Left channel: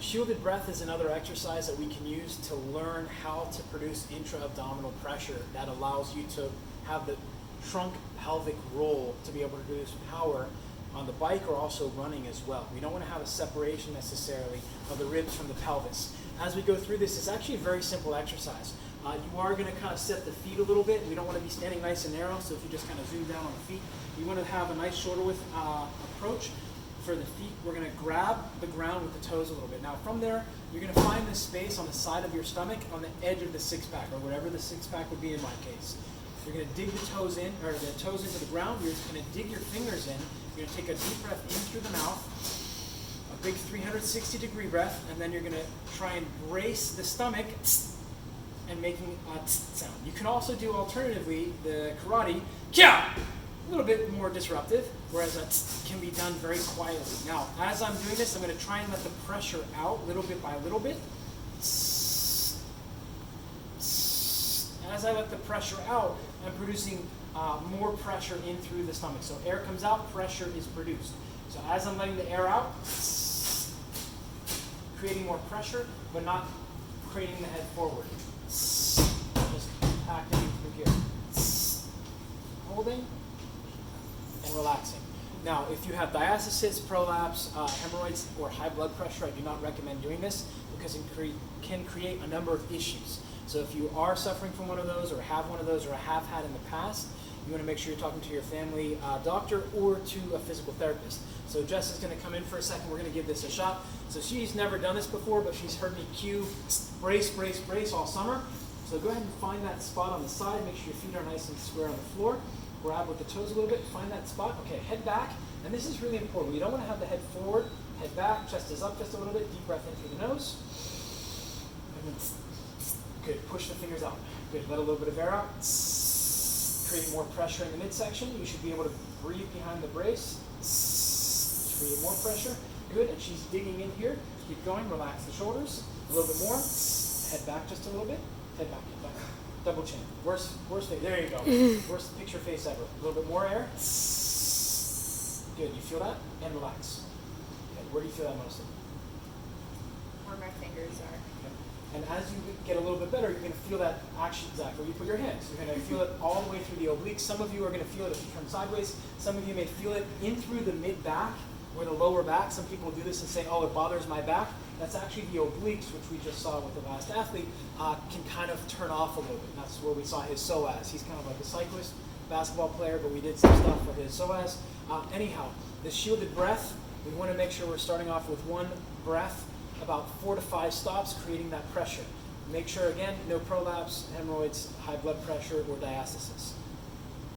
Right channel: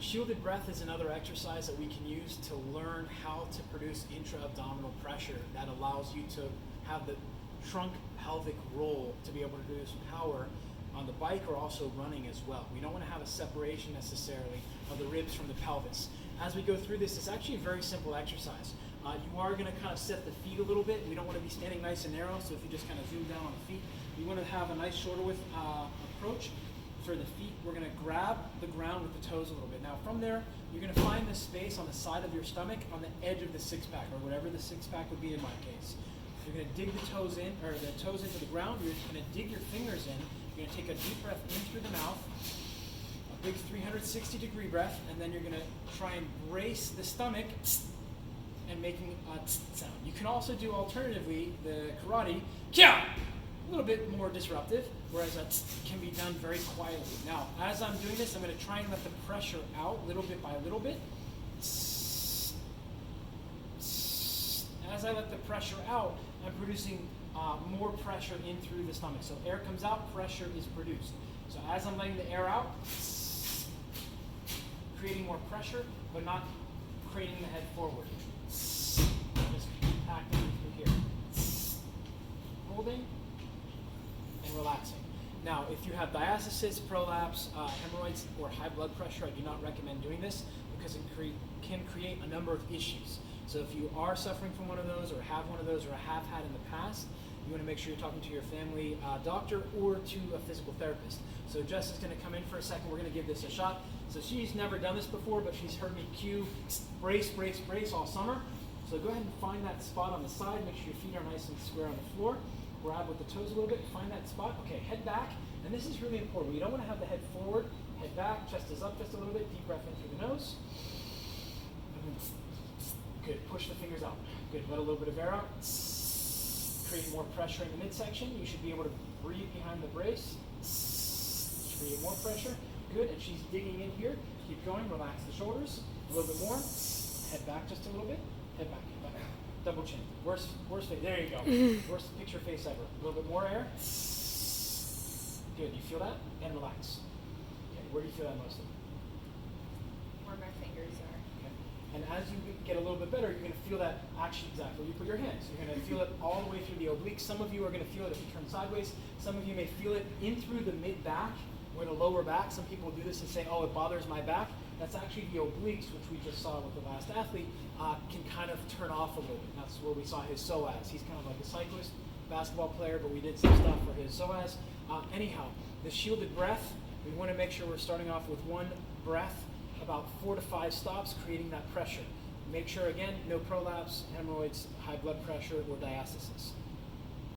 shielded breath is another exercise that we can use to learn how to produce intra-abdominal pressure that allows you to have the trunk pelvic roll to be able to produce power on the bike or also running as well. We don't want to have a separation necessarily of the ribs from the pelvis. As we go through this, it's actually a very simple exercise. You are going to kind of set the feet a little bit. We don't want to be standing nice and narrow, so if you just kind of zoom down on the feet, you want to have a nice shoulder width approach. For the feet, we're going to grab the ground with the toes a little bit. Now from there, you're going to find this space on the side of your stomach on the edge of the six-pack, or whatever the six-pack would be in my case. You're going to dig the toes in, or the toes into the ground. You're going to dig your fingers in. You're going to take a deep breath in through the mouth, a big 360-degree breath, and then you're going to try and brace the stomach and making a sound. You can also do alternatively the karate, kya, a little bit more disruptive, whereas that can be done very quietly. Now, as I'm doing this, I'm going to try and let the pressure out little bit by little bit. As I let the pressure out, I'm producing more pressure in through the stomach. So air comes out, pressure is produced. So as I'm letting the air out, creating more pressure, but not creating the head forward. Just packing through here. Holding and relaxing. Now, if you have diastasis, prolapse, hemorrhoids, or high blood pressure, I do not recommend doing this because it can create a number of issues. So if you are suffering from one of those, or have one of those, or have had in the past, you want to make sure you're talking to your family doctor or to a physical therapist. So Jess is going to come in for a second. We're going to give this a shot. So she's never done this before, but she's heard me cue brace, brace, brace all summer. So go ahead and find that spot on the side. Make sure your feet are nice and square on the floor. Grab with the toes a little bit. Find that spot. Okay, head back. And this is really important. You don't want to have the head forward, head back, chest is up just a little bit. Deep breath in through the nose. Good. Push the fingers out. Good. Let a little bit of air out. Create more pressure in the midsection. You should be able to breathe behind the brace. Create more pressure. Good. And she's digging in here. Keep going. Relax the shoulders. A little bit more. Head back just a little bit. Head back. Head back. Double chin. Worst face. There you go. Worst picture face ever. A little bit more air. Good. You feel that? And relax. Okay. Where do you feel that most? Where my fingers are. And as you get a little bit better, you're going to feel that action exactly where you put your hands. You're going to feel it all the way through the obliques. Some of you are going to feel it if you turn sideways. Some of you may feel it in through the mid-back or the lower back. Some people do this and say, oh, it bothers my back. That's actually the obliques, which we just saw with the last athlete, can kind of turn off a little bit. That's where we saw his psoas. He's kind of like a cyclist, basketball player, but we did some stuff for his psoas. Anyhow, the shielded breath, we want to make sure we're starting off with one breath, about 4 to 5 stops, creating that pressure. Make sure, again, no prolapse, hemorrhoids, high blood pressure, or diastasis.